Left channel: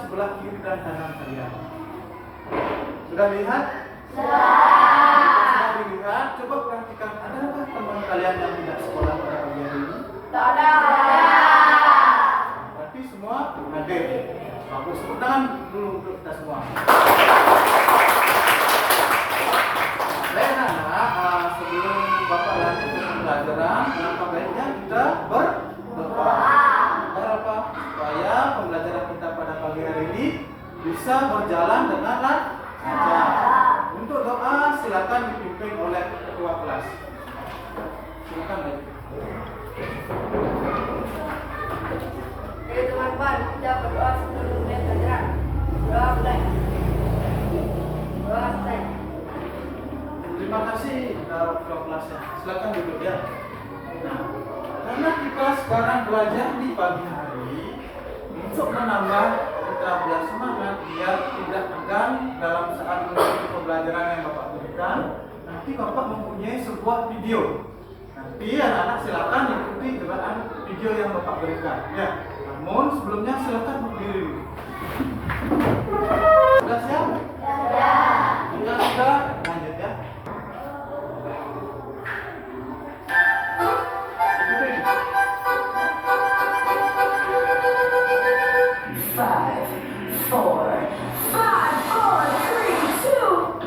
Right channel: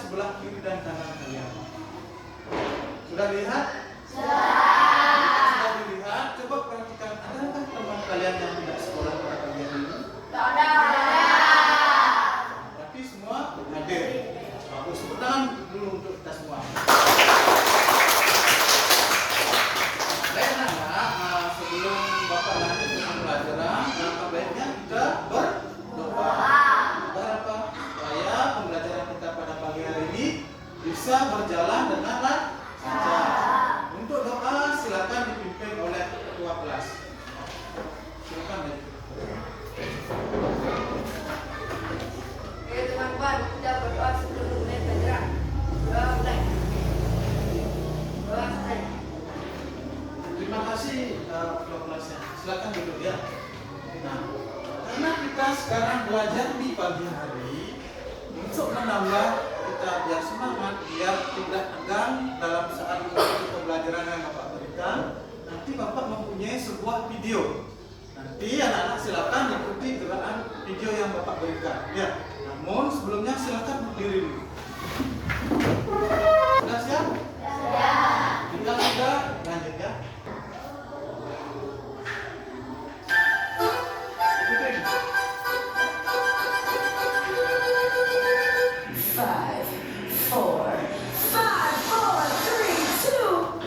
sebelah kiri dan kanan kalian. Sudah lihat? Sudah dilihat? Coba perhatikan, adakah teman kalian yang tidak sekolah pada pagi hari ini? Tak ada. Berarti semua hadir. Bagus, tepuk tangan dulu untuk kita semua. Baik anak-anak, sebelum Bapak lanjut dengan pelajaran, langkah baiknya kita berdoa. Apa? Supaya pembelajaran kita pada pagi hari ini bisa berjalan dengan lancar. Untuk doa silakan dipimpin oleh ketua kelas. Silakan Bapak. Ayo teman-teman, kita berdoa sebelum mulai pelajaran. Doa mulai. Doa mulai. Terima kasih ketua kelasnya. Silakan duduk ya. Nah, karena kita sekarang belajar di pagi hari, untuk menambah kita biar semangat, biar tidak tegang dalam saat mengikuti pembelajaran yang Bapak berikan, nanti Bapak mempunyai sebuah video. Nanti anak-anak silakan ikuti gerakan video yang Bapak berikan. Ya. Namun sebelumnya silakan berdiri dulu. Sudah siap? Siap. Jika sudah, lanjut ya. Five, four, three, two.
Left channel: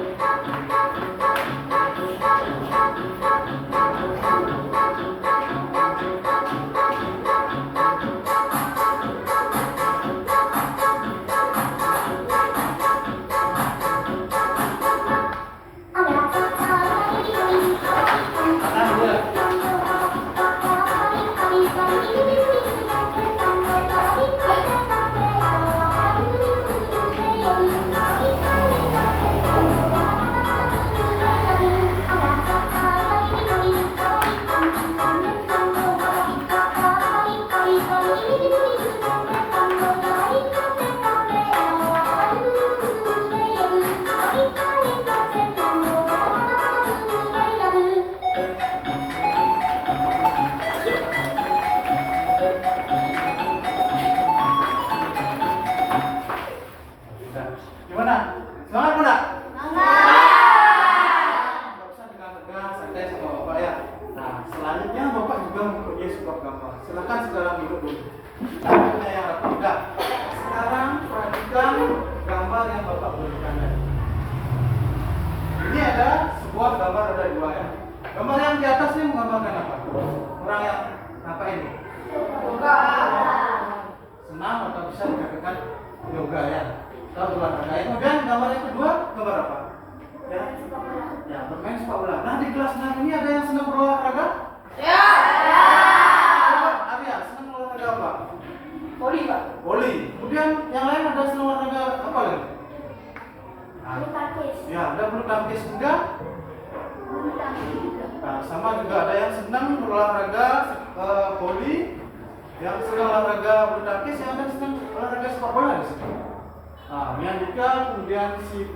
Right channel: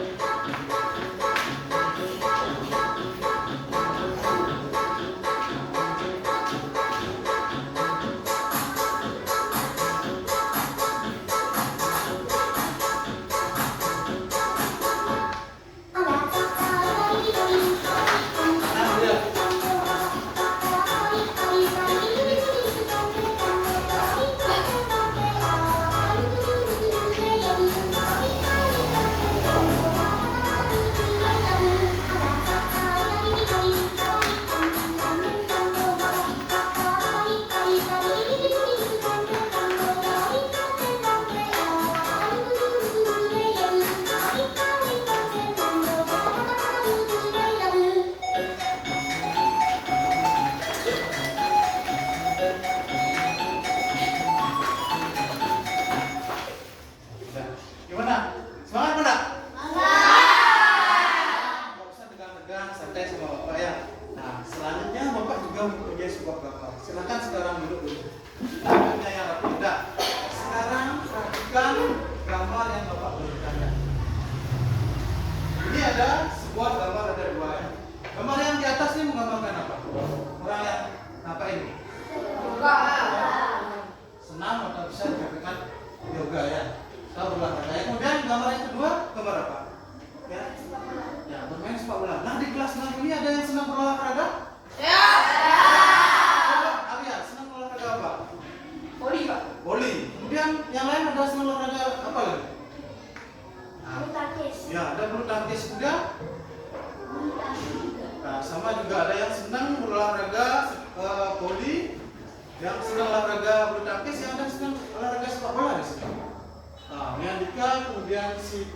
Gimana? Semangat enggak? Nggak usah tegang-tegang, santai sama Bapak ya. Nah, selanjutnya Bapak juga mempunyai sebuah gambar. Silakan sekarang duduk dulu. Gambarnya yang rapi. Nah, sekarang perhatikan gambar yang Bapak berikan. Ini ada sebuah gambar, ada dua ya. Gambar yang di atas ini menggambarkan apa? Orang yang apa ini? Yoga. Senam atau bisa dikatakan yoga ya. Atau berolahraga. Kemudian gambar yang kedua, gambar apa? Ya, bermain sepak bola. Nah, di kelas 6 ini ada yang senang berolahraga? Ya. Coba, Arya, senang berolahraga apa? Voli, Pak. Voli. Kemudian yang lain ada senang olahraga apa lagi? Bulu tangkis. Ya, ada bulu tangkis juga. Bulu tangkis juga. Nah, sama juga ada yang senang berolahraga voli, yang senang olahraga bulu tangkis, yang ada senang olahraga sepak bola di sini. Nah, Miandika, kemudian si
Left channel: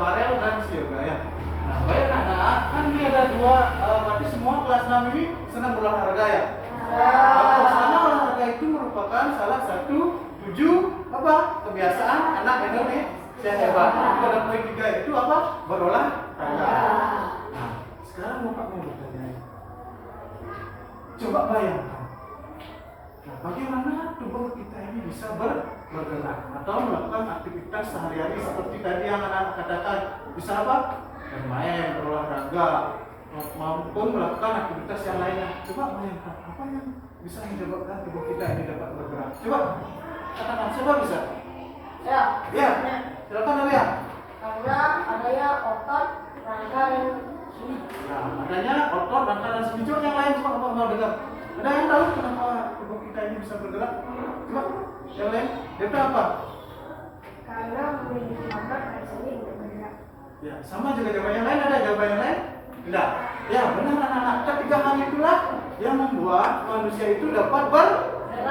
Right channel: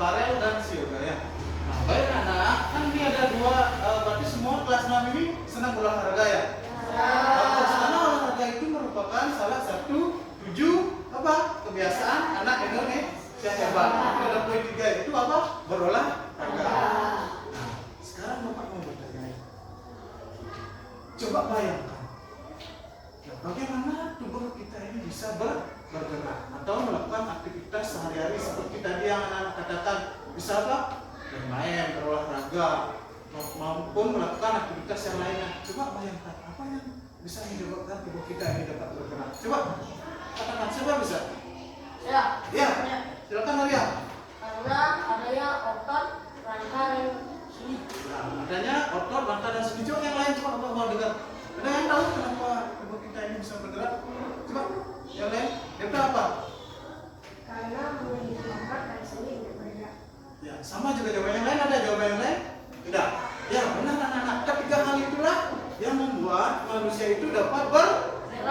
Farel dan si Yoga ya. Nah, baik anak, kan ini ada dua, berarti semua kelas 6 ini senang berolahraga ya. Bagus, karena olahraga itu merupakan salah satu 7 kebiasaan anak Indonesia hebat. Pada poin 3 itu apa? Berolahraga. Nah, sekarang Bapak mau bertanya. Coba bayangkan. Nah, bagaimana tubuh kita ini bisa bergerak atau melakukan aktivitas sehari-hari seperti tadi yang anak-anak katakan, bisa apa? Bermain, berolahraga, maupun melakukan aktivitas yang lainnya. Coba bayangkan apa yang bisa menyebabkan tubuh kita ini dapat bergerak. Coba katakan, siapa bisa? Ya. Ya, silakan Arya. Karena adanya otot, rangka, dan sendi. Nah, adanya otot, rangka dan sendi. Coba yang lain, coba Bapak mau dengar. Ada yang tahu kenapa tubuh kita ini bisa bergerak? Coba yang lain, dia tahu apa? Karena memiliki otot dan sendi untuk bergerak. Ya, sama juga jawaban yang lain. Ada jawaban yang lain? Tidak. Ya, benar anak-anak. Ketiga hal itulah yang membuat manusia itu dapat bergerak.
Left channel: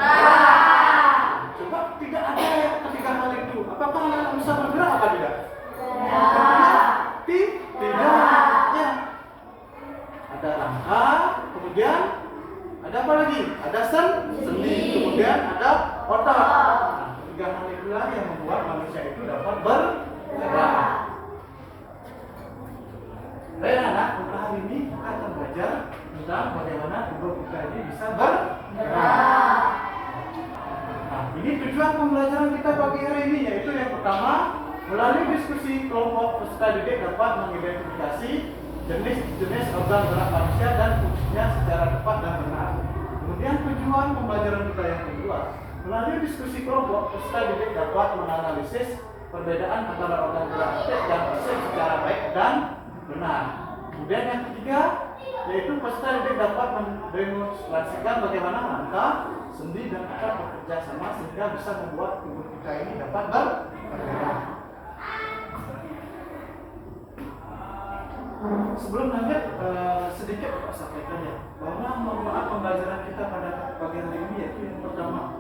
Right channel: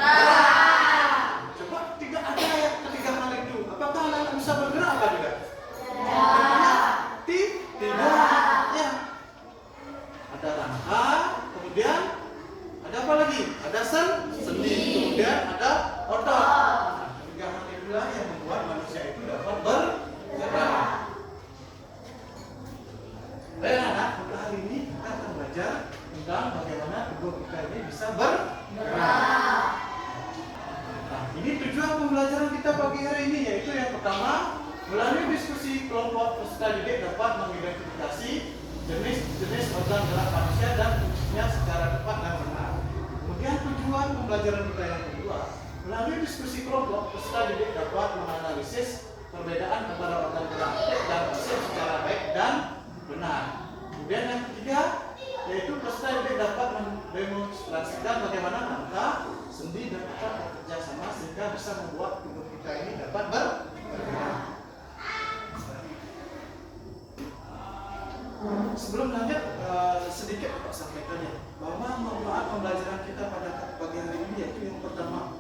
Coba tidak ada ya ketiga hal itu. Apakah anak-anak bisa bergerak apa tidak? Tidak. Ya. Ada rangka, kemudian ada apa lagi? Ada sendi, kemudian ada otot. Nah, ketiga hal itu itulah yang membuat manusia itu dapat bergerak. Baik anak, untuk hari ini kita akan belajar tentang bagaimana tubuh kita ini bisa bergerak. Nah, ini tujuan pembelajaran kita pagi hari ini, yaitu yang pertama, melalui diskusi kelompok peserta didik dapat mengidentifikasi jenis-jenis organ gerak manusia dan fungsinya secara tepat dan benar. Kemudian tujuan pembelajaran kita yang kedua, melalui diskusi kelompok peserta didik dapat menganalisis perbedaan antara organ gerak aktif dan pasif secara baik dan benar. Kemudian yang ketiga, yaitu peserta didik dapat mendemonstrasikan bagaimana langkah, sendi dan otot bekerja sama sehingga bisa membuat tubuh kita ini dapat bergerak. Sebelum lanjut, sedikit Pak sampaikannya bahwa manfaat pembelajaran kita pada pagi hari ini yaitu yang pertama,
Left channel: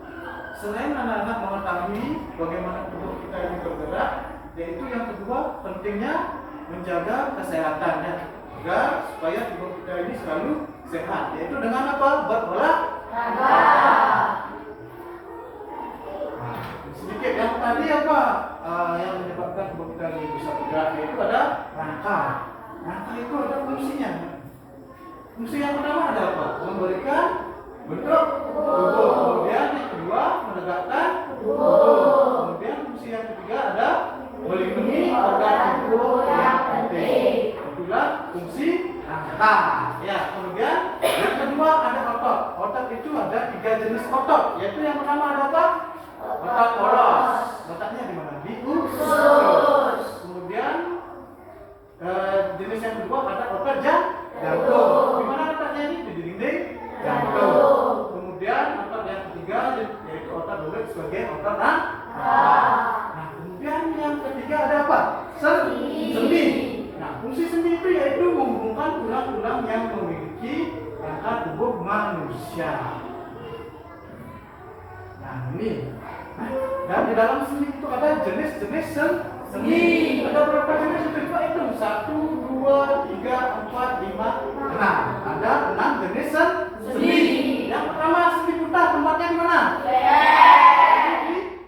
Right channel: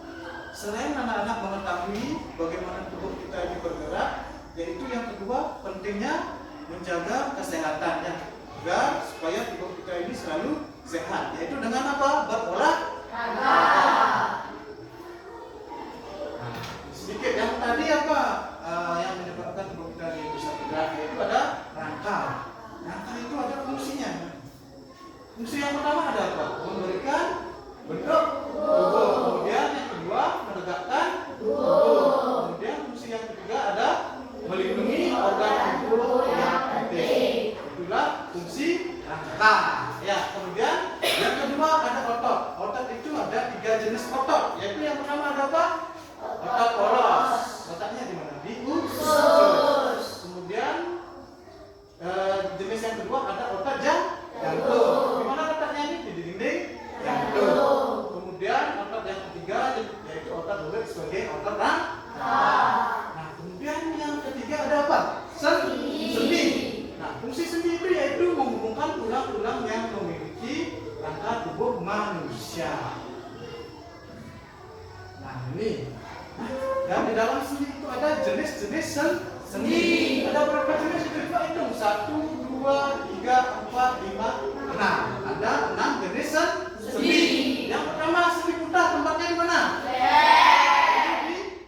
selain anak-anak mengetahui bagaimana tubuh kita ini bergerak, yaitu yang kedua pentingnya menjaga kesehatannya agar supaya tubuh kita ini selalu sehat, yaitu dengan apa? Berolahraga. Sedikit yang tadi apa yang menyebabkan tubuh kita ini bisa bergerak, yaitu ada rangka. Rangka itu ada fungsinya. Fungsi yang pertama ada apa? Memberikan bentuk tubuh. Kemudian yang kedua menegakkan tubuh. Kemudian fungsi yang ketiga ada melindungi organ tubuh yang penting. Itulah fungsi rangka. Ya, kemudian yang kedua ada otot. Otot itu ada 3 jenis otot, yaitu yang pertama ada apa? Otot polos. Letaknya di mana? Di usus. Kemudian jenis yang kedua ada otot jantung. Di mana letaknya ini? Di dinding jantung. Kemudian otot yang ketiga yaitu otot belut sebagai otot rangka. Nah, kemudian yang ketiga ada apa? Sendi. Nah, fungsi sendi itu yaitu menghubungkan tulang-tulang yang memiliki rangka tubuh manusia. Nah, ini. Dan di dalam sendi itu ada jenis-jenis sendi. Ada berapa jenis itu? Coba hitung. 1, 2, 3, 4, 5, 6. Ada 6 jenis sendi. Yang pertama sendi putar, tempatnya di mana?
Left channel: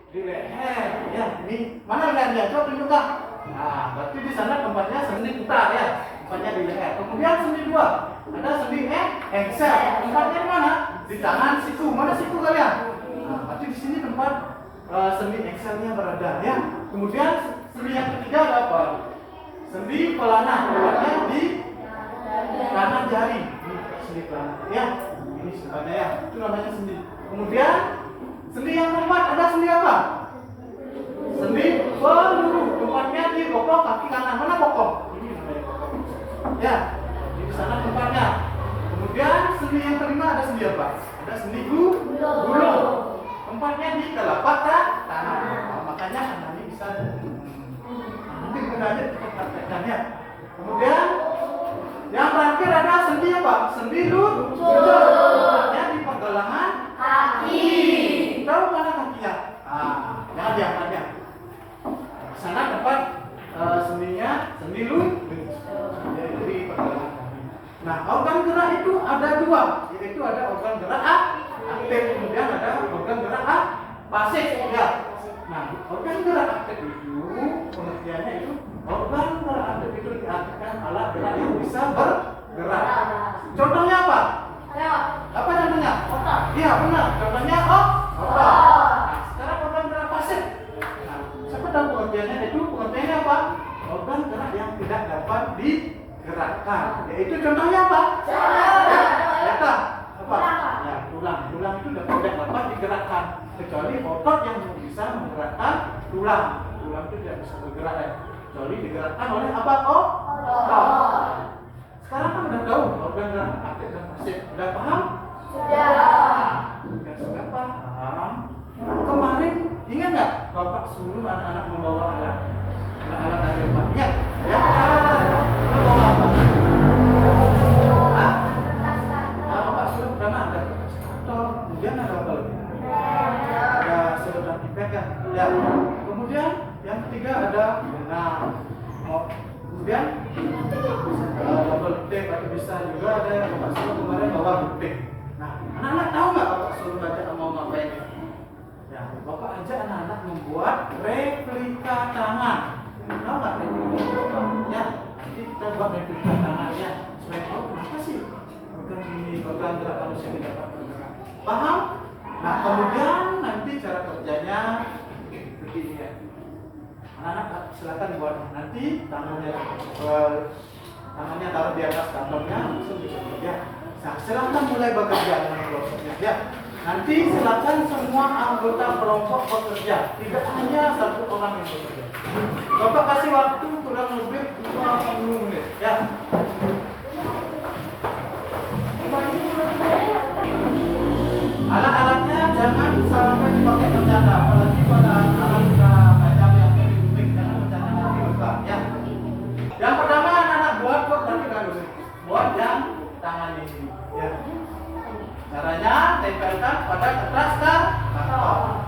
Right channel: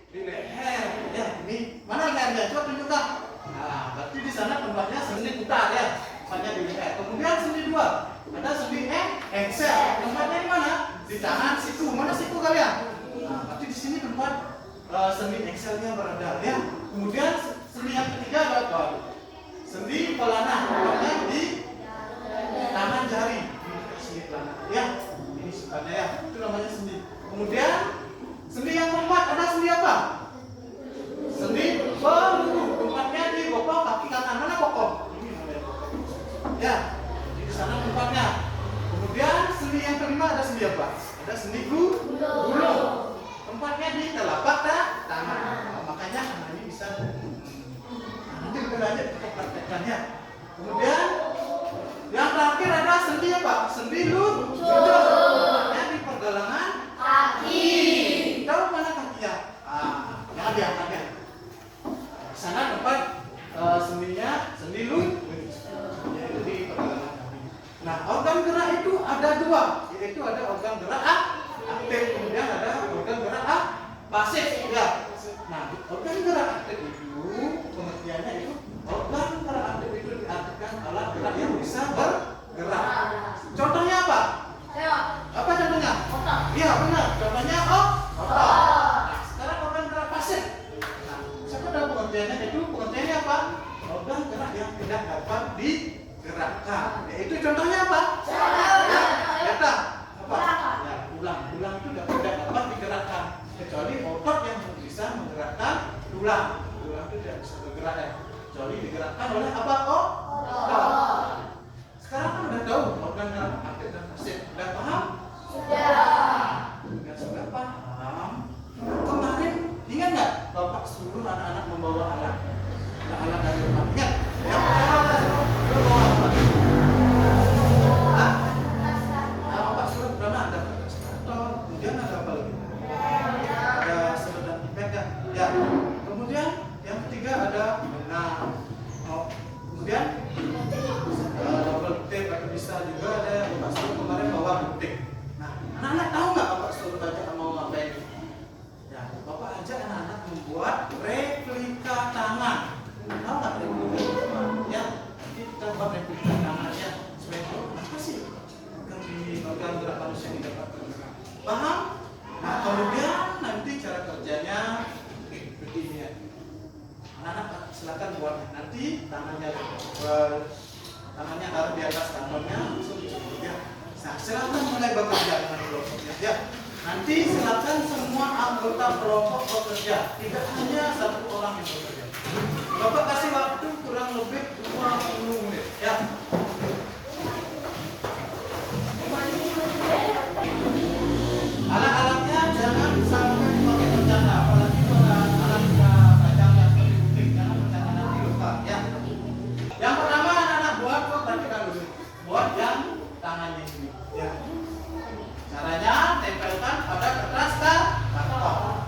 Di leher. Ya, ini mana lehernya? Coba tunjukkan. Nah, berarti di sana tempatnya sendi putar ya. Tempatnya di leher. Kemudian sendi 2. Ada sendi engsel. Tempatnya di mana? Di tangan siku. Mana siku kalian? Nah, berarti di sini tempat sendi engselnya berada ya. Kemudian sendi yang ketiga ada apa? Sendi pelana, tempatnya di kanan jari. Ini sendi pelana ya. Ini sebenarnya ya. Itu namanya sendi. Kemudian sendi yang keempat ada sendi apa? Sendi peluru. Tempatnya di bokong kaki kanan. Mana bokong? Ini namanya bokong. Ya. Di sana tempatnya. Kemudian sendi yang kelima ada sendi apa? Ada sendi gulung. Tempatnya di telapak tangan. Nah, makanya tangan ini bisa nanti kita lanjut kita praktekkannya. Kemudian yang terakhir ada sendi apa? Sendi lutut. Tempatnya di pergelangan kaki. Tahu mana kakinya? Yang diangkatnya. Di sana tempat sendinya sendi lutut, yaitu di pergelangan kaki. Nah, organ gerak itu ada 2, yaitu ada organ gerak aktif, kemudian ada organ gerak pasif ya. Nah, organ gerak aktif itu pengertiannya itu organ gerak aktif itu diartikan alat gerak yang bisa bergerak. Contohnya apa? Apa contohnya? Otot. Iya benar. Contohnya otot. Nah, sekarang organ gerak pasif. Nah, siapa tahu pengertiannya itu? Pengertiannya apa? Organ gerak yang tidak dapat digerakkan. Yaitu contohnya apa? Data. Apa? Ya, tulang itu tidak dapat digerakkan kecuali otot yang bisa menggerakkan tulang itu tidak bisa bergerak kecuali digerakkan oleh apa? Otot. Sekarang kan udah tahu organ gerak aktif dan pasif. Udah paham? Sudah paham. Kemarin ingat nggak Bapak suruh anak-anak membawa alat dari rumah? Ingat? Yang pertama membawa apa? Kemudian ada apa lagi? Ada sedotan pipet kan? Ya. Kemudian yang ketiga ada benang. Kemudian double tape atau bisa juga ada yang Bapak suruh kemarin bawa gunting. Nah, anak-anak tahu nggak Bapak suruh baca mau ngapain? Ya, Bapak ajak anak-anak membuat manusia tidak dapat bergerak. Paham? Nah, kemudian nanti cara kerjanya begini ya. Anak-anak silakan buat nanti tangannya taruh di atas kantongnya langsung bisa bekerja. Nah, silakan mulai bekerja dengan kelompoknya ya. Nanti silakan semua anggota kelompok bekerja, tidak hanya satu orang yang bekerja. Bapak kasih waktu kurang lebih 20 menit ya. Alat-alatnya jangan sampai dipakai bercanda, apalagi pada alat kacang yang lebih unik, jangan bercanda nanti luka ya. Yang pertama anak-anak buat nanti dulu, buat yang tangannya ini ya. Caranya tempelkan pada kertas karton.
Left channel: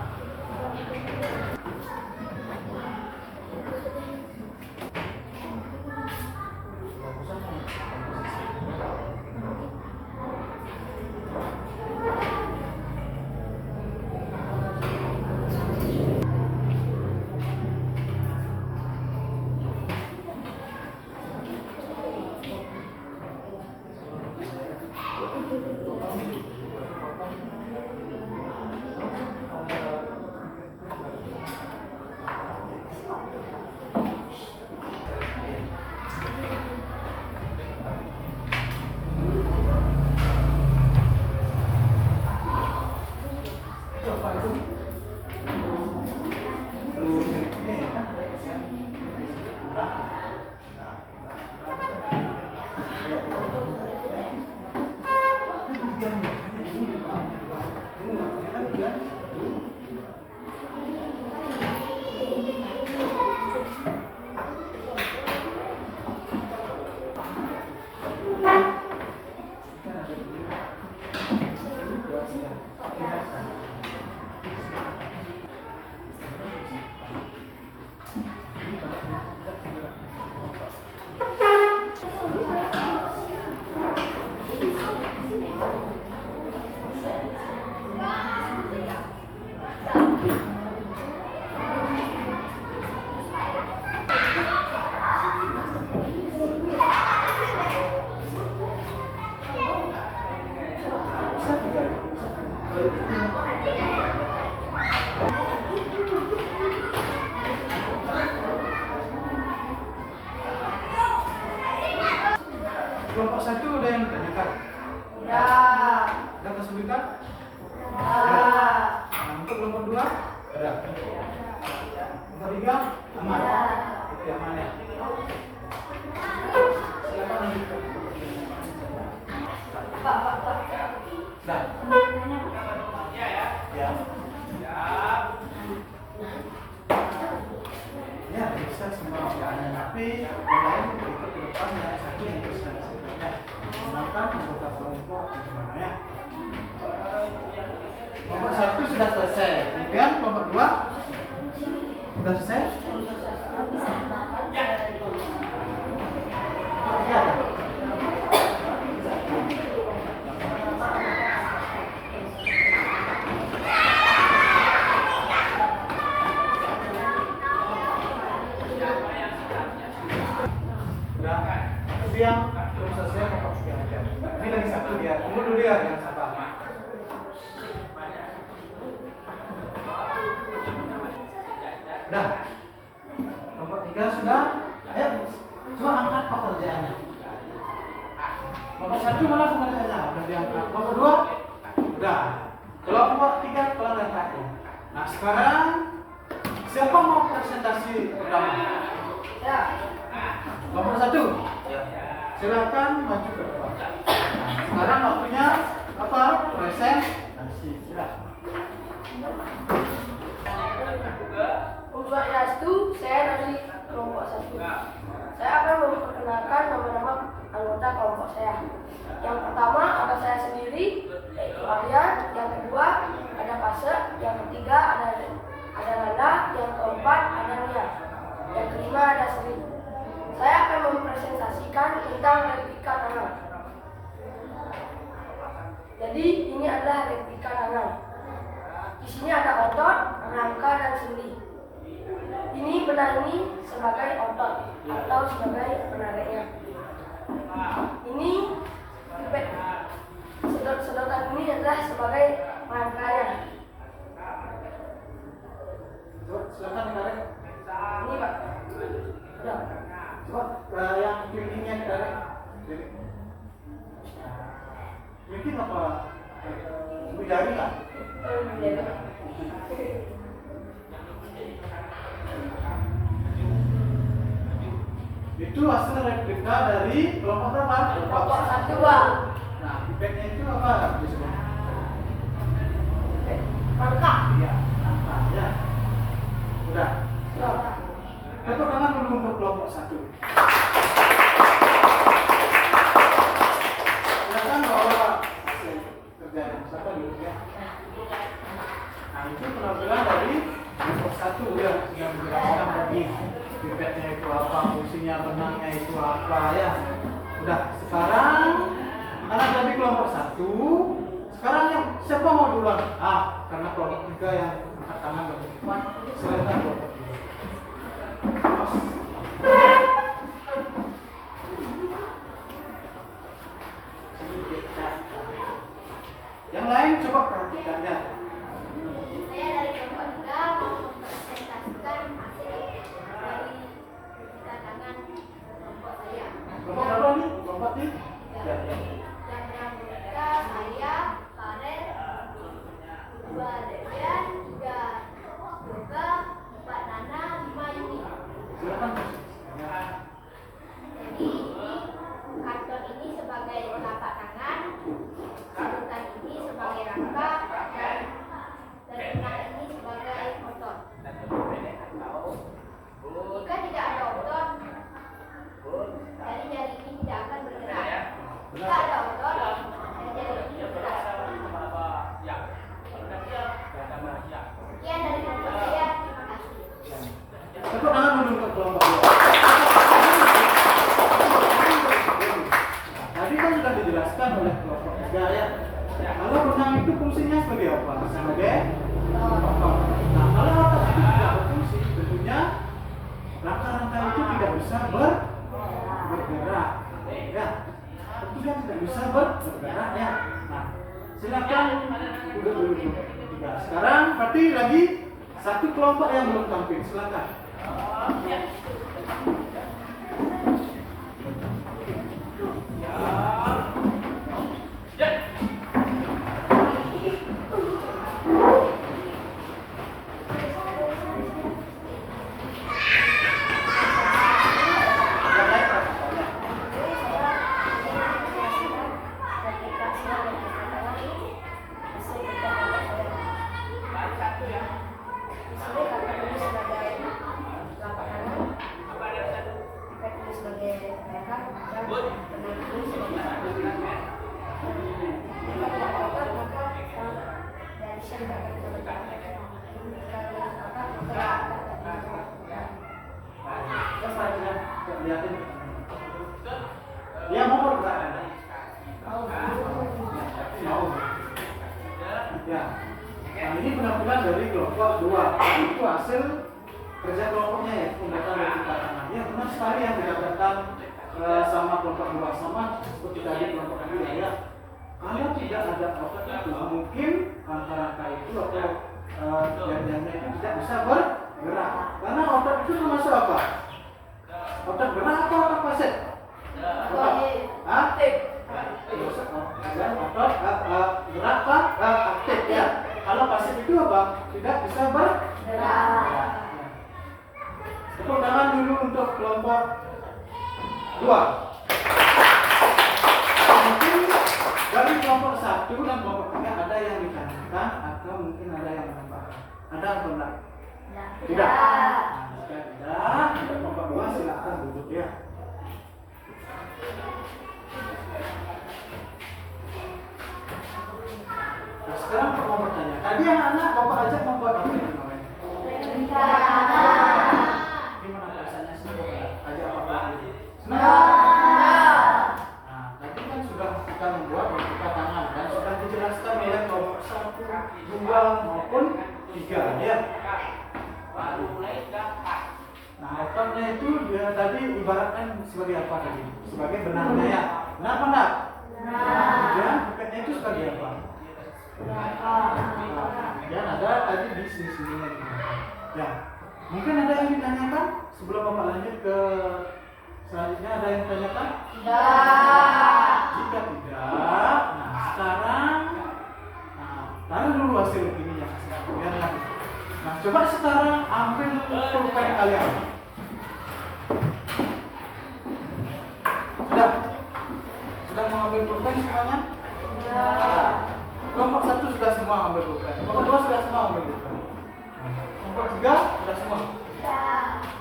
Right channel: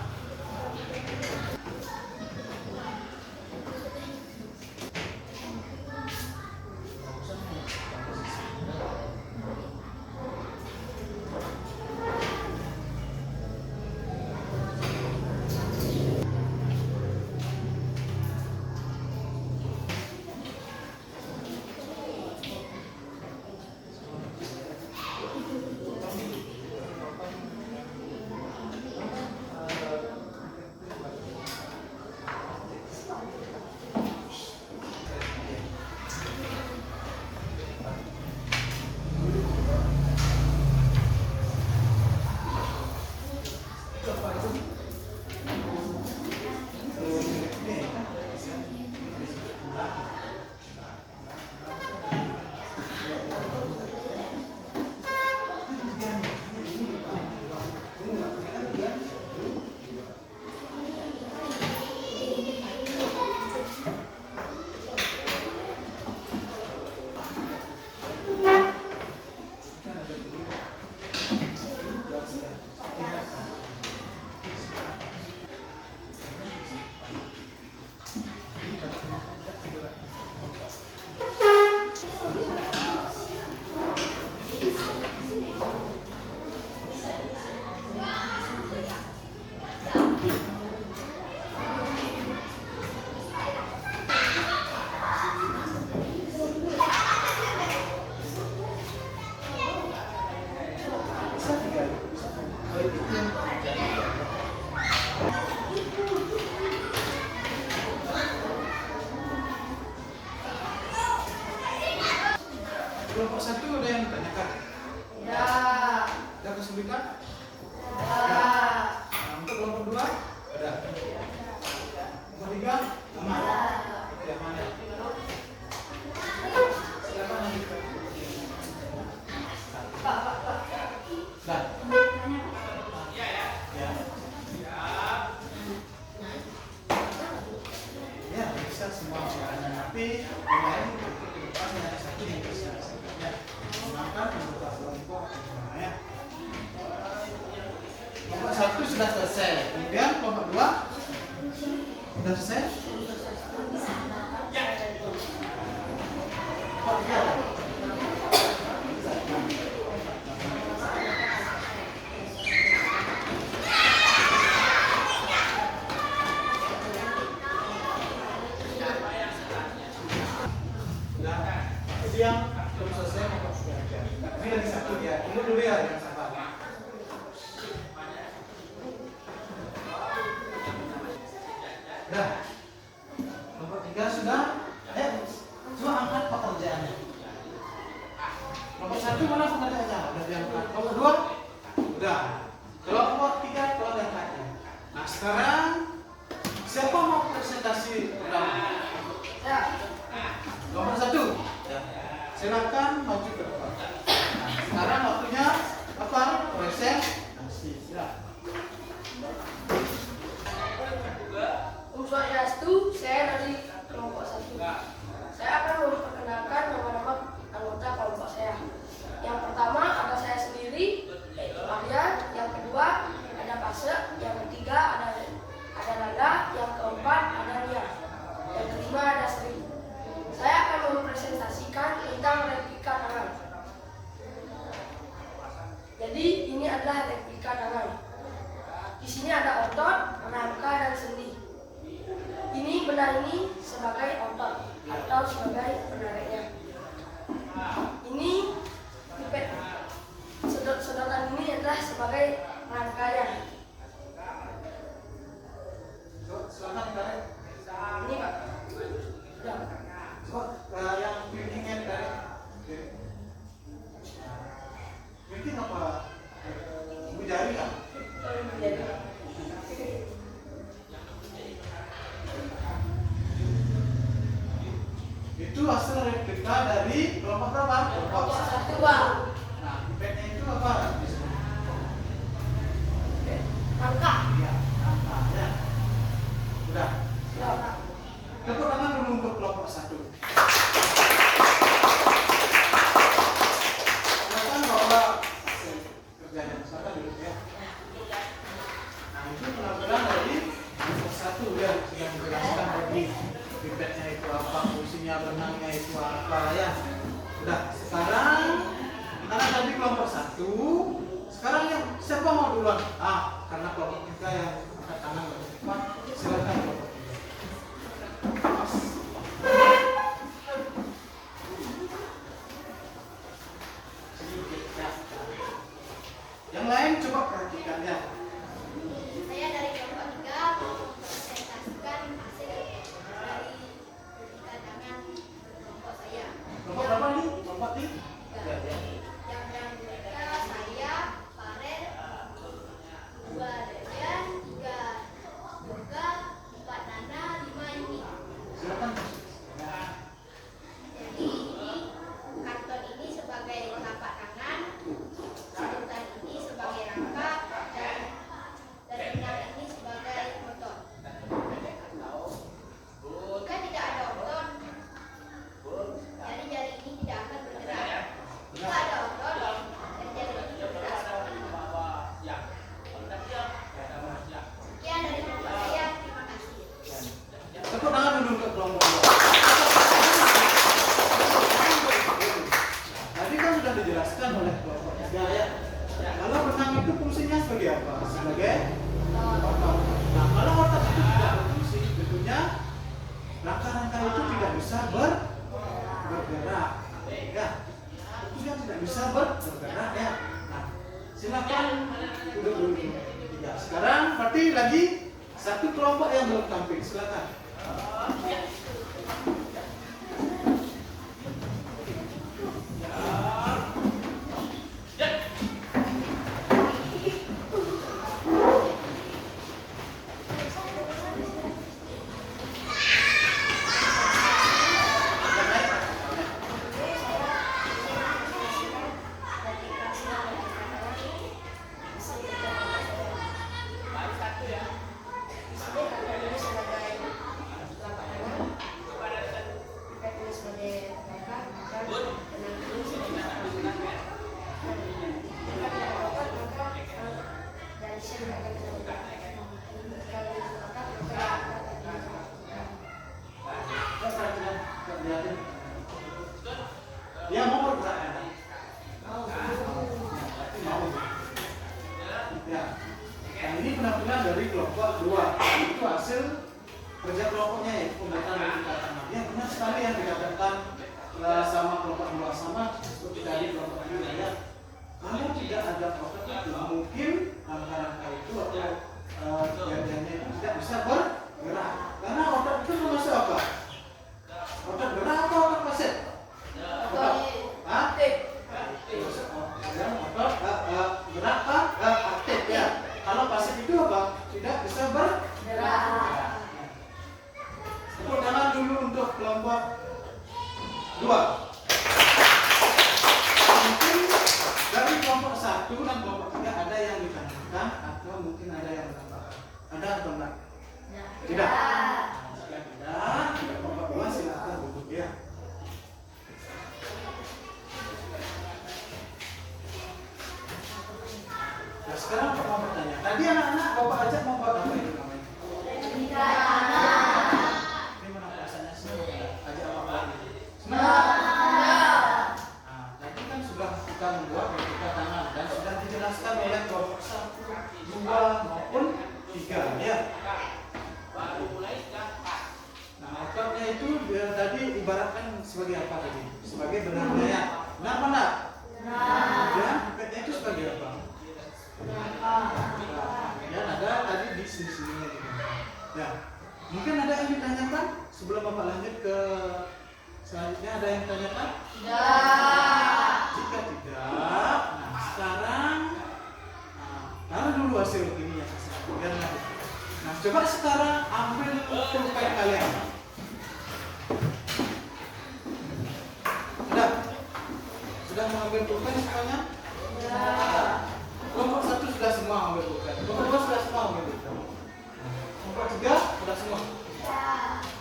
Kelompok satu ada yang ditanyakan? Ya. Ada kesulitan? Ya. Nah, untuk kelompok dua ada. Kelompok tiga aman. Oke, aman ya. Silakan lanjut. Pak. Dah. Ya. Ya, bisa semua pertanyaan, tapi yang lain untuk ke depan yang satu yang bisa disebutnya. Gunakan anggota kelompok gimana ya? Kelompok satu sudah selesai. Kemudian kelompok dua sudah selesai. Kelompok tiga. Yang belum selesai kelompok tiga aja. Ini lagi satu dia. Tunggu dulu ya, jangan sabar. Dah. Kelompok tiga sudah. Ayo, semua angkat pekerjaannya. Kelompok satu mana pekerjaannya? Udah diangkat. Kelompok dua, udah. Kelompok tiga kelompok angkatnya. Nah sekarang siapa mau presentasi pertama? Ya. Kelompok satu. Silakan maju ke depan. Sekarang waktunya apa? Presentasi. Ya. Om Swastiastu, saya dari kelompok 1. Saya akan memperkenalkan nama-nama anggota kelompok saya. Yang pertama ada saya sendiri, yaitu Arya. Yang kedua ada Pase. Yang ketiga ada Nanda. Yang keempat ada Nia. Yang kelima ada Sri. Saya akan mempresentasikan tentang replika tangan. Jadi ini adalah replika tangan. Di sini ada otot, rangka, dan sendi. Ini benang ini sebagai otot atau sebagai penariknya. Ini sedotan inilah sebagai rangkaian. Coba silakan ditarik. Ini Pak. Udah. Coba yang kelingkingnya ditarik. Kelingking apa? Jari nggak? Itu hasil replika dari kelompok berapa? Kelompok 1 Pak. Nah, impactnya itu apa? Rangka. Iya, apa ya? Udah. Udah. Tepuk tangan dulu untuk kelompok 1. Silakan bawa hasil kerjanya. Silakan dulu ya. Nah, itu penampilan dari kelompok 1 ya, sudah menjelaskan tadi pipetnya itu apa, fungsinya renangnya itu apa ya. Udah, sekarang karena tadi kelompok 1, sekarang yang siapa mau duluan? Karena kelompok 3 yang angkat tangan lebih cepat, silakan kelompok 3. Yang lain coba perhatikan ya. Saya dari kelompok 3 mau mempresentasikan hasil dari bisikan tangan kelompok saya. Kelompok berapa nih? Kelompok 3? Ya, ya. Yang beranggota saya, Farel, 2 Dejan, 3 Yoga, 4 Nana, 5 Yuni. Silakan. Jadi ini karton ini sebagai telapak tangan, sedotan ini sebagai rangka, dan yang ini sebagai otot. Jika tidak ada otot, jari-jari ini tidak akan bergerak. Jika ada otot, jari-jari ini bergerak. Sekian dari kelompok saya. Terima kasih. Tepuk tangan dulu untuk kelompok 2. Tadi kan sudah dijelaskan oleh kelompok 3 ya. Kalau renang itu fungsinya sebagai apa? Sebagai otot. Nah, kalau otot itu tidak berfungsi, tentunya rangka-rangka itu tidak bisa bergerak. Ya, tentunya tidak bisa bergerak ya. Nah, silakan duduk dulu. Tiga. Sekarang berarti lagi satu kelompok yang belum tampil. Silakan. Dia mau bergerak kan? Mau. Ya. Nah, ini penampilan dari kelompok 2. Itu hasil kerja kelompoknya ya, pembuatan dari tangan. Ya benar sekali yang dikatakan sama kelompok 2 sama seperti tadi kelompok 3 ya. Kalau tidak ada otot itu mungkin rangka-rangka itu atau jari-jarinya itu tidak bisa bergerak. Karena otot itu termasuk apa? Otot gerak atau otot pasif? Otot. Aktif. Otot gerak aktif ya. Kalau pasif itu apa? Tidak bisa bergerak. Tepuk tangan dulu untuk kelompok 2. Mungkin dari kelompok 1 dan kelompok 3 ada yang ditanyakan atau mungkin ada yang menambahkan. Ada atau enggak? Tidak. Jika tidak, kelompok 2 silakan duduk ya. Nah, sekarang Pak mau bertanya. Tadi anak-anak Bapak ajak membuat apa itu namanya? Gimana perasaannya senang ajak Bapak lagi? Senang? Nah, tadi kan sudah kita membuat replika tangan dan sudah dijelaskan oleh kelompok 1, 2 maupun 3 ya. Nah, ototnya itu dia tadi ibaratkan sebagai apa tadi? Sebagai benangnya ya. Benar apa enggak? Kemudian pipetnya itu sebagai apa? Kemudian ada tadi di sini-sininya di belakang. Ya, mungkin ada yang ditanyakan sebelum Bapak lanjut ke selanjutnya, ada yang ditanyakan? Jika tidak, nah sekarang taruh dulu hasil ini ya, biar nanti. Nah, coba sekarang ambil pulpen kalian. Sudah mengambil pulpen semuanya? Kelompok 1 sudah semua ambil pulpen. Kelompok 2 sudah semua ambil pulpen. Kelompok 3 sudah semua.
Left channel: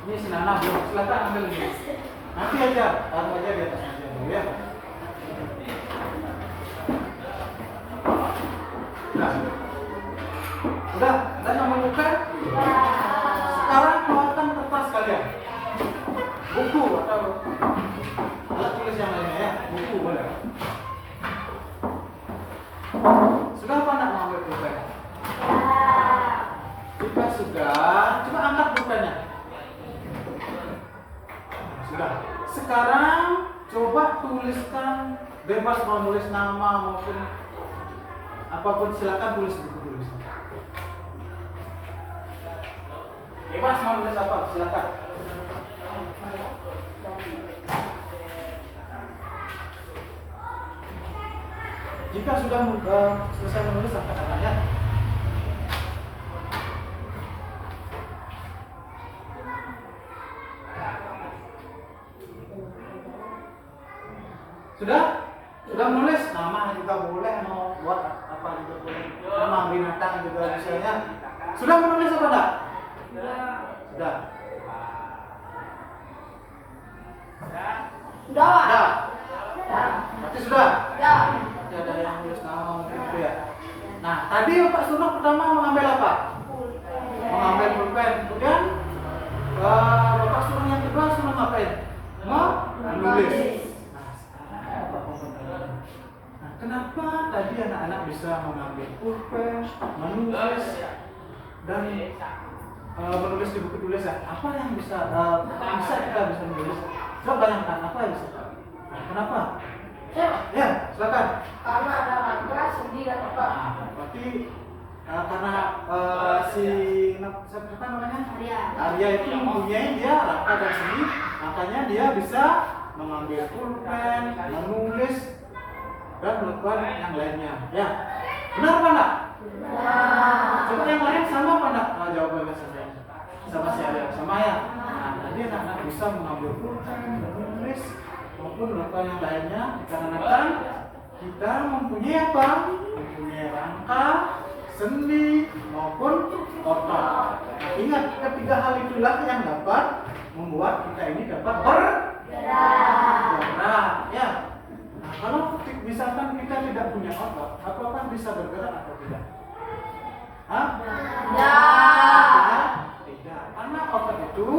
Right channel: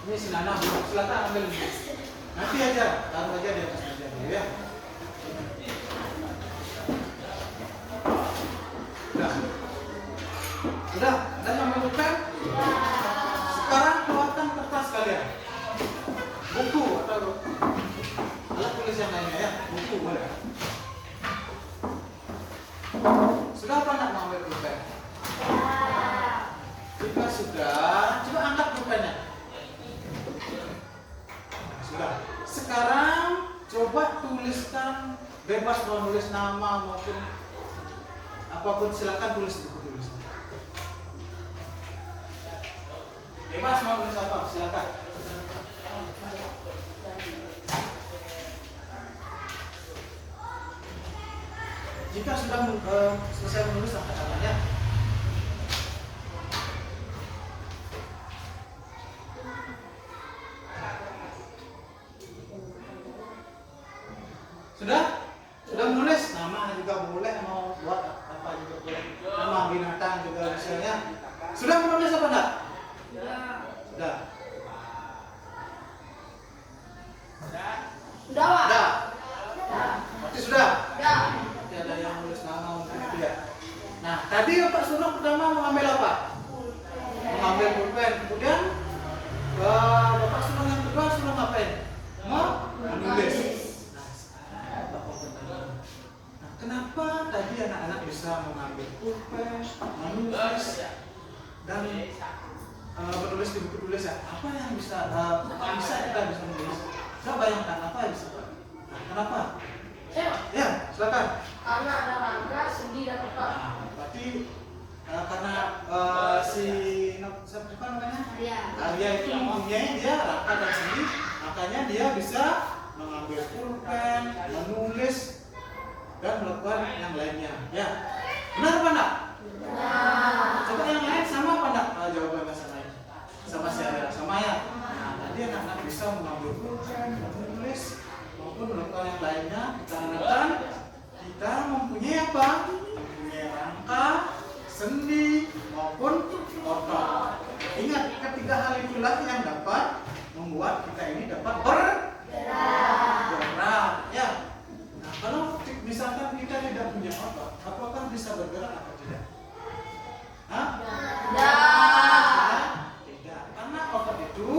Ini si Nana belum, silakan ambil ini. Nanti aja, taruh aja di atas meja dulu ya. Sudah, ambil pulpen? Sekarang keluarkan kertas kalian. Buku atau alat tulis yang lainnya ya, buku boleh. Sudah apa nak mengambil pulpen? Jika sudah, coba angkat pulpennya. Sudah. Sekarang coba tuliskan, bebas mau nulis nama maupun apapun, silakan tulis buku tulis. Bebas mau nulis apa, silakan. Jika sudah selesai menulis, angkat tangannya. Sudah menulis, nama juga boleh, mau buat apa juga boleh. Nama binatang juga misalnya. Sudah menulis apa enggak? Sudah. Sudah. Berarti sudah. Ada yang nulis nama mungkin gitu ya. Nah, tadi Pak Sunok pertama mengambil apa? Mengambil pulpen. Kemudian Bapak Sunok yang kedua suruh ngapain? Menulis. Nah, sekarang Bapak komentar. Nah, kenapa tadi anak-anak bisa mengambil pulpen, menulis dan menulis di buku tulis ya? Apa yang bisa kita bisa menulis? Coba bayangkan apa yang bisa. Nah, kenapa? Ya, silakan. Karena ada rangka, sendi, dan otot. Nah, berarti karena siapa namanya? Arya itu mempunyai dia rangka dan sendi, makanya dia bisa mengambil pulpen, menulis dan melakukan yang lainnya. Ya, benar apa enggak? Benar. Coba yang lain sama apa enggak? Jawabannya sama si Arya, sama ya. Nah, tadi anak-anak bisa mengambil pulpen, menulis maupun melakukan yang lainnya dikarenakan kita mempunyai apa? Mempunyai rangka, sendi maupun otot. Ingat, ketiga hal itulah yang dapat membuat kita ini dapat bergerak. Ya. Nah, kalau misalkan kita tidak punya otot, apakah bisa bergerak atau tidak? Hah? Tidak. Karena otot itu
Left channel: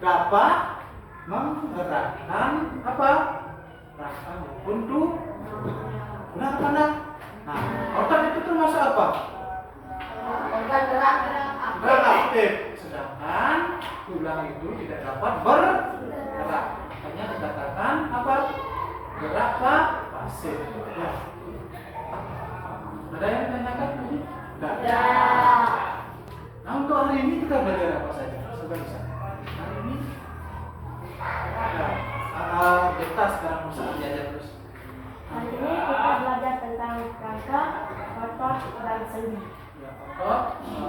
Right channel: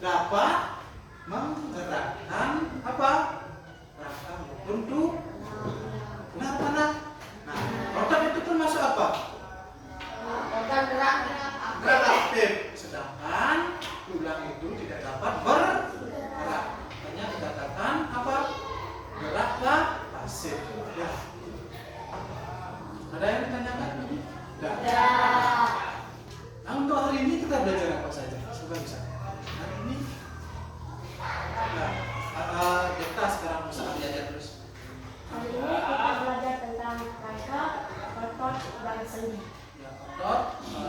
dapat menggerakkan apa? Rangka maupun tubuh. Benar apa enggak? Nah, otot itu termasuk apa? Organ gerak. Gerak aktif. Sedangkan tulang itu tidak dapat bergerak. Makanya dikatakan apa? Gerak pasif. Ya. Ada yang ditanyakan lagi? Tidak. Nah, untuk hari ini kita belajar apa saja? Coba bisa. Hari ini kita sekarang mau belajar terus. Hari ini kita belajar tentang rangka, otot, dan sendi. Ya, otot,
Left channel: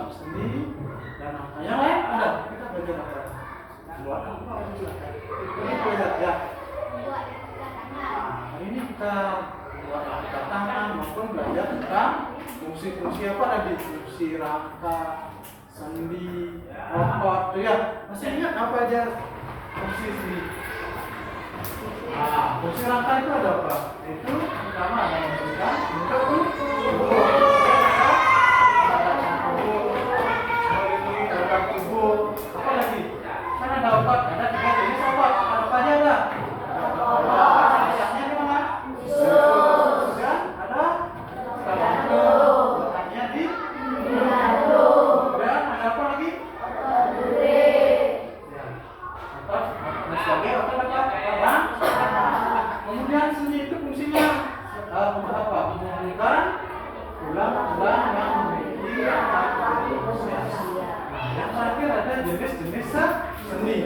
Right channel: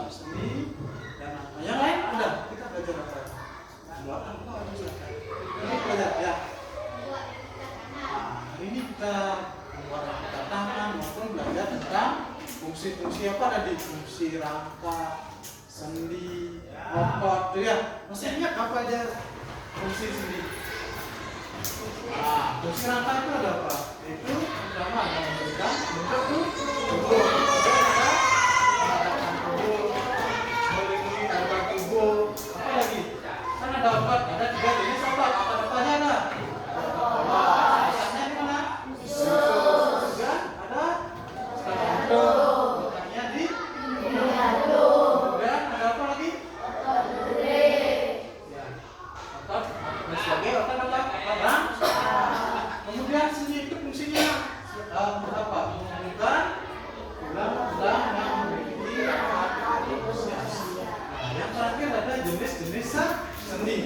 sendi, dan apa yang lain ada. Kita belajar apa? Buat apa? Silakan. Ini belajar ya. Nah, hari ini kita buat angkat tangan maupun belajar tentang fungsi-fungsi apa tadi? Fungsi rangka, sendi, otot, tuh ya. Masih ingat apa aja fungsi sendi? Nah, fungsi rangka itu ada apa? Itu pertama ada memberikan bentuk tubuh, melindungi organ tubuh. Apa lagi? Kan ada otot, ada 3 jenis otot. Apa aja ada? Letaknya di mana? Dan ada letaknya di dan ada apa lagi? Ya, otot. Sebagai otot apa? Kemudian sendi itu fungsinya untuk apa? Menghubungkan tulang-tulang yang memiliki letak proses. Nah, yang terakhir ada jenis-jenis sendi.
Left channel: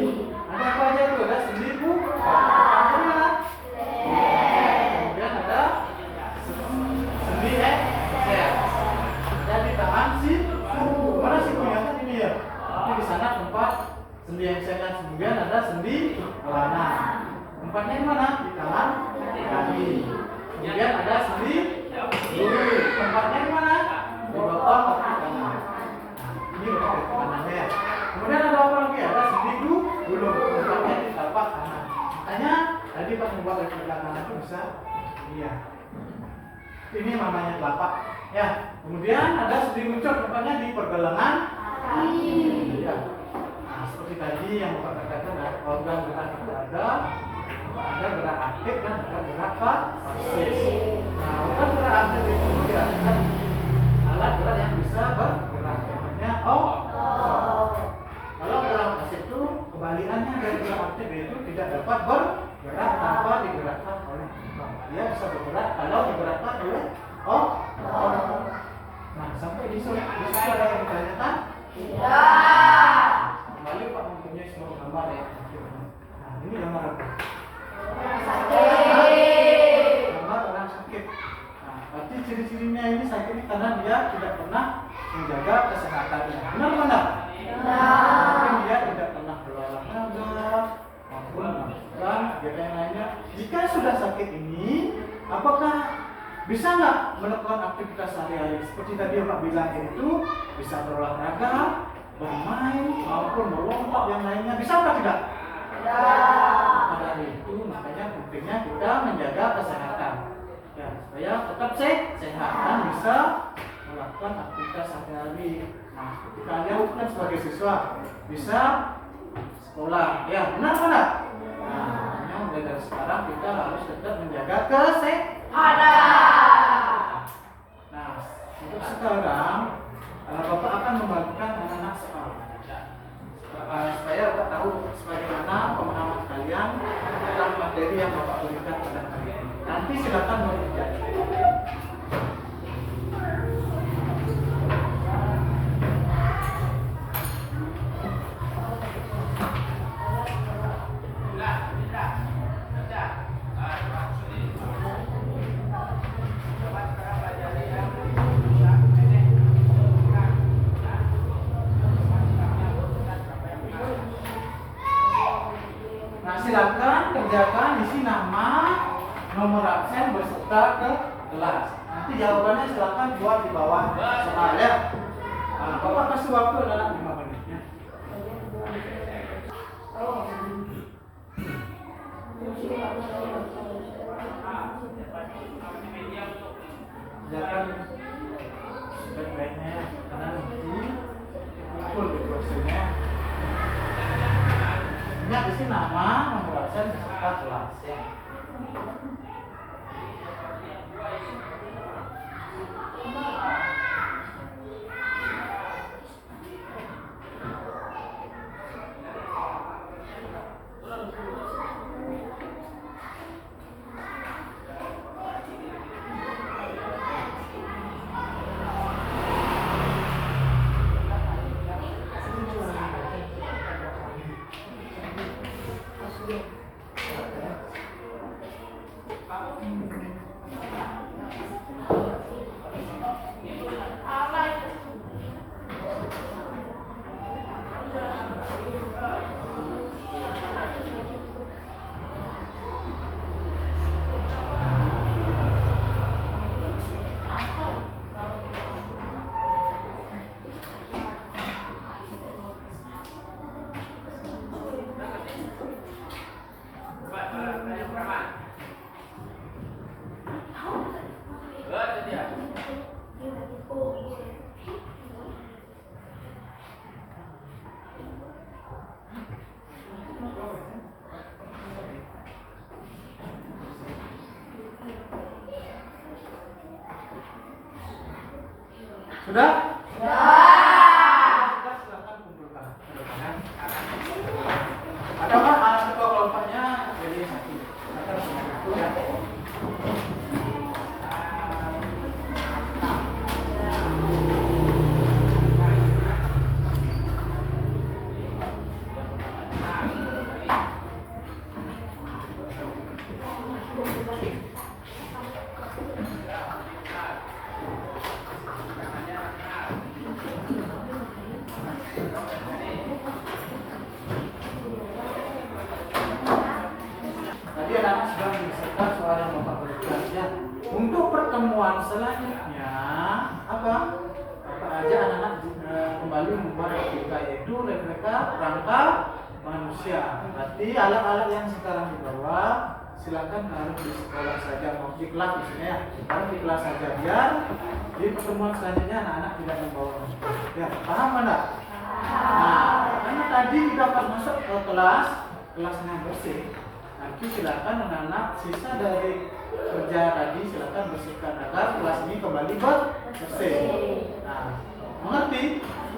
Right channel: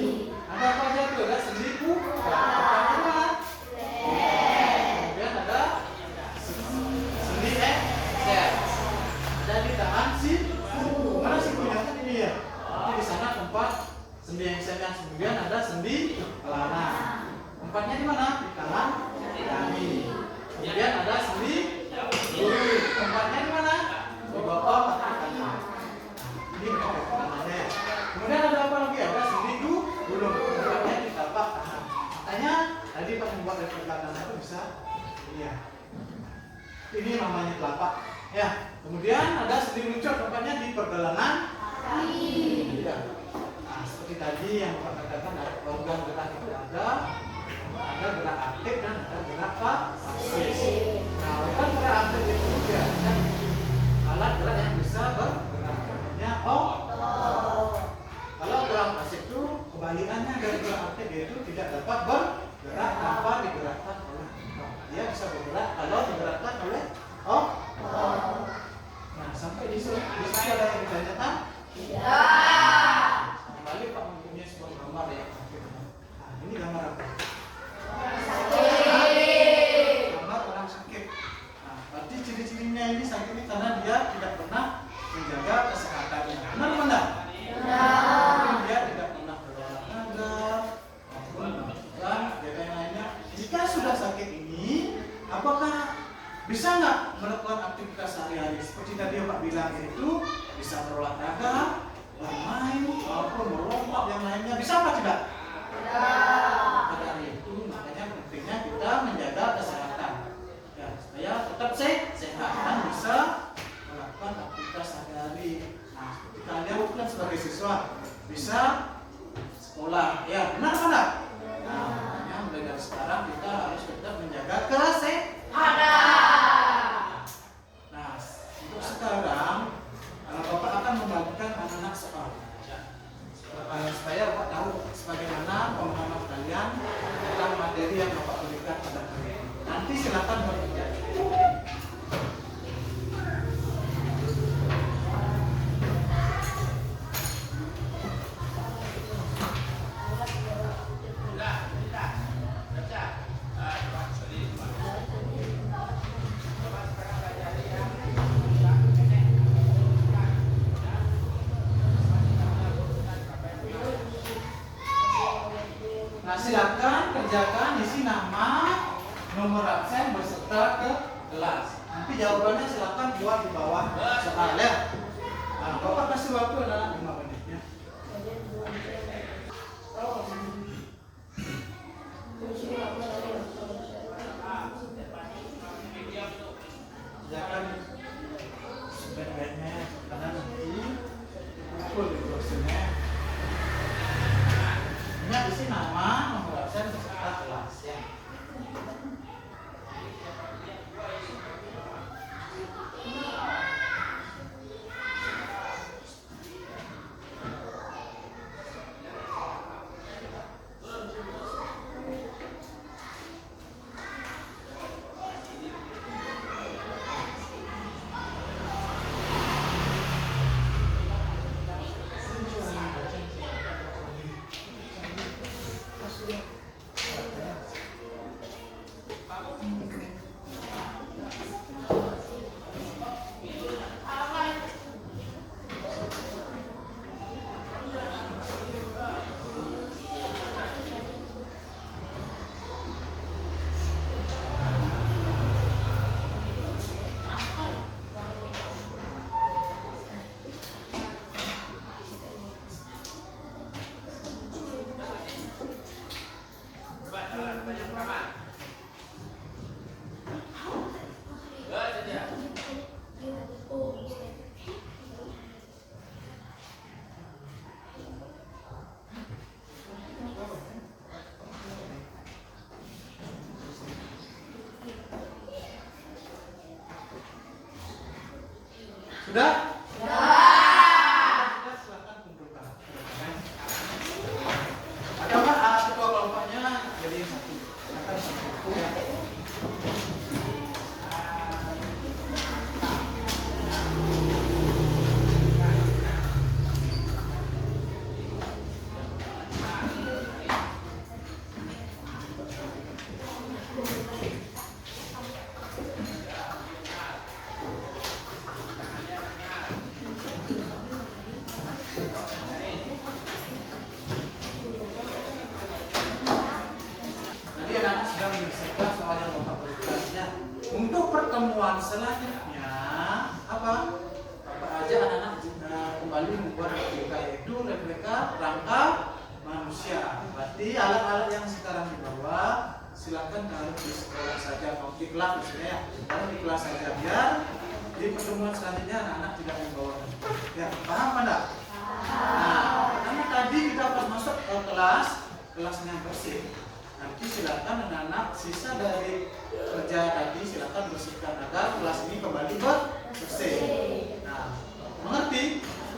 Ada apa aja tuh? Ada sendi tangan. Kemudian ada sendi ekser. Ada di tangan siku. Mana sikunya kan ini ya? Tapi di sana tempat sendi eksernya. Kemudian ada sendi kelana. Tempatnya di mana? Di tangan kaki. Kemudian ada sendi lutut. Tempatnya di mana? Di bawah kaki kanan. Nah, ini kaki kanannya ya. Kemudian ada apa lagi? Ada sendi gulung. Tempatnya di telapak kanan. Makanya tadi pas membuat replika kanan itu bisa ini ya. Ini namanya telapak. Ya. Kemudian ada sendi muncul. Tempatnya di pergelangan kaki. Ya. Nah, seperti tadi yang Bapak katakan organ gerak itu ada gerak aktif dan ada gerak pasif. Nah, organ gerak aktif itu dia alat gerak yang bisa bergerak, namanya otot. Kalau gerak pasif itu kebalikannya dari gerak aktif itu tidak dapat bergerak tanpa digerakkan oleh otot. Dia bisa bergerak kalau digerakkan oleh otot. Nah, sampai di situ ada yang ditanyakan? Tidak. Kembali Pak mempunyai semua gambar ya. Nah, ini gambar apa? Gambar orang sakit. Nah, berarti ciri-cirinya ini sakit ini karena dia tidak pernah menjaga kesehatannya. Benar? Mungkin dia tidak pernah berolahraga maupun melakukan kegiatan lainnya. Jika sudah sakit ini, apakah bisa nggak melakukan aktivitas sehari-hari? Seperti tadi Pak bilang itu bisa berolahraga, bermain maupun melompat yang lainnya. Bisa apa tidak? Pada hari itu makanya pentingnya kita menjaga kesehatan ya, supaya tetap sehat dan bisa melakukan aktivitas sehari-hari. Nah, seperti kalian kan sebagai siswa bisa sekolah ya, benar? Nah, makanya mulai dari sekarang kita harus tetap menjaga kesehatan. Nah, untuk sekarang Bapak akan membagikan anak-anak soal supaya Bapak tahu sebagaimana pemahaman kalian tentang materi yang Bapak berikan pada hari ini. Nanti silakan mengerjakan. Silakan kerjakan isi nama, nomor absen beserta ke kelas. Nanti jawabannya silakan buat di bawah soal ya. Nah, Bapak kasih waktu adalah 5 menit ya. Kerjakan sebaik-baiknya karena nanti full di prosesnya. Ingat isi nama, nomor absen beserta kelas ya. Sudah? Sudah, silakan kumpulkan. Apakah anak kedua kelompoknya jadi satu? Silakan kumpulkan ya. selanjutnya apa aja anak-anak kembali membuat replika, yaitu replika rangka manusia. Berarti alat-alat yang sekarang dibawa silakan taruh di sekolah saja, mau di kelas misalnya ya, taruh di kelas saja biar di pertemuan selanjutnya anak-anak tidak membawa. Ya, paham mana? Nah, karena tadi kita pas masuk ke kelasnya bersih, nanti silakan anak-anak sisa dari kerja tadi silakan bersihkan agar kelas ini kembali bersih. Nah, mengerti?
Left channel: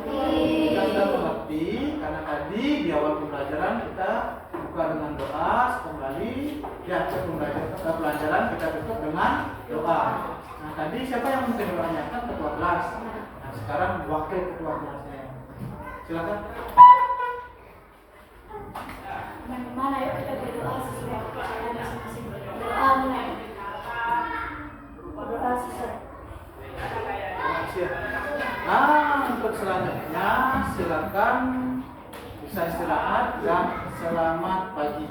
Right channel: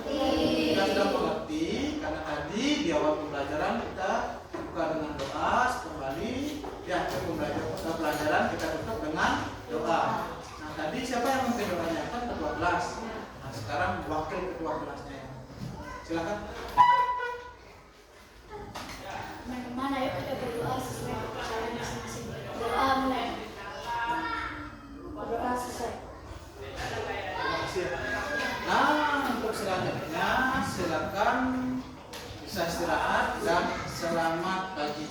Kita sudah mengerti karena tadi di awal pembelajaran kita buka dengan doa, kembali ya pembelajaran kita tutup dengan doa. Nah, tadi siapa yang memimpin doanya? Kan ketua kelas. Nah, sekarang wakil ketua kelasnya ya. Silakan. Teman-teman, ayo kita berdoa sesuai kepercayaan masing-masing. Doa mulai. Berdoa sesuai. Terima kasih ya. Nah, untuk selanjutnya silakan bisa istirahat dan selamat pagi.